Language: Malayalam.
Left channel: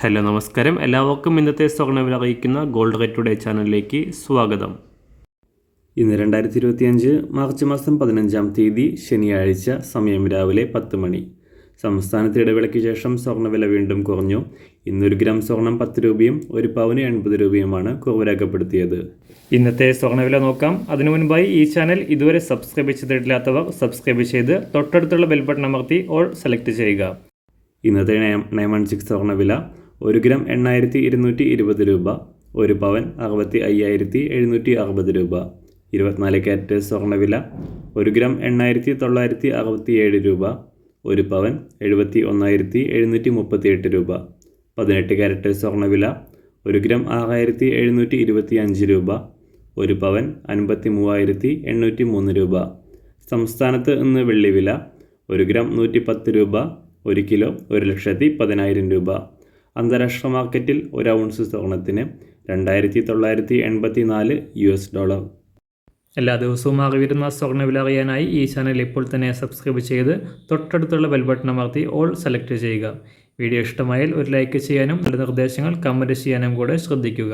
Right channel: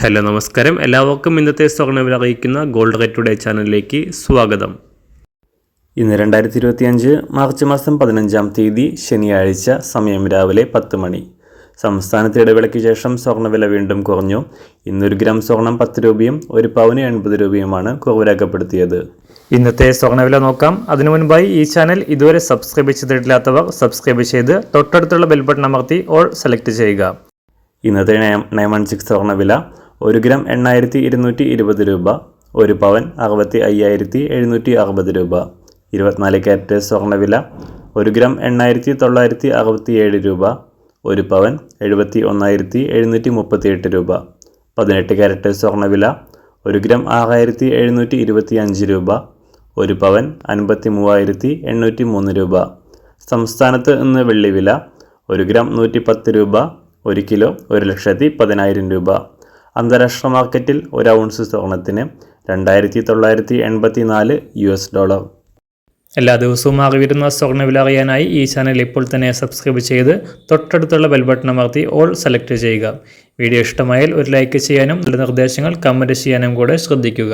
ഹലോ നമസ്കാരം, എല്ലാവർക്കും ഇന്നത്തെ സ്വർണ്ണവില അറിയിക്കുന്ന ഗോൾഡ് റേറ്റ് ടുഡേ ചാനലിലേക്ക് സ്വാഗതം. ഇന്ന് 2025 മാർച്ച് മാസം 15-ാം തീയതി ശനിയാഴ്ച, സമയം രാവിലെ 10 മണി. സംസ്ഥാനത്ത് ഇടവേളയ്ക്ക് ശേഷം സ്വർണ്ണവില വീണ്ടും കുറഞ്ഞു. ഇന്നൊരു ഗ്രാം സ്വർണം 10 രൂപയും 1 പവന് 80 രൂപയുമാണ് കുറവ് രേഖപ്പെടുത്തിയത്. ഇന്നത്തെ സ്വർണ്ണവില നോക്കാം. അതിനു മുൻപായി ഈ ചാനൽ ഇതുവരെ സബ്സ്ക്രൈബ് ചെയ്തിട്ടില്ലാത്തവർ സബ്സ്ക്രൈബ് ചെയ്ത് തൊട്ടടുത്തുള്ള ബെൽ ബട്ടൺ അമർത്തി ഓൾ സെലക്ട് ചെയ്യുക. ഇന്നത്തെ 916 സ്വർണ്ണവില 1 ഗ്രാം 8220 രൂപ, 1 പവൻ 65,760 രൂപ. 24 ക്യാരറ്റ് സ്വർണ്ണവില 1 ഗ്രാം 8967 രൂപ, 1 പവൻ 71,738 രൂപ. 18 ക്യാരറ്റ് സ്വർണ്ണവില 1 ഗ്രാം 6725 രൂപ, 1 പവൻ 53,803 രൂപ. സംസ്ഥാനത്ത് ഇന്ന് വെള്ളിവില 1 ഗ്രാം 110 രൂപ, 1 കിലോ 1,10,000 രൂപ. അന്താരാഷ്ട്ര മാർക്കറ്റിൽ 1 ഔൺസ് സ്വർണത്തിന് $2,984. എല്ലാ ദിവസവും അറിവിരുന്ന സ്വർണ്ണവില അറിയാനായി ഈ ചാനൽ ഇപ്പോൾ തന്നെ സബ്സ്ക്രൈബ് ചെയ്ത് തൊട്ടടുത്തുള്ള ബെൽ ബട്ടൺ അമർത്തി ഓൾ സെലക്ട് ചെയ്യുക. വീഡിയോ ഇഷ്ടമായാൽ ഒരു ലൈക്ക് ചെയ്യാനും നല്ല നിർദ്ദേശങ്ങൾ കമൻറ്റ് ചെയ്യാനും കൂടെ ശ്രദ്ധിക്കുക.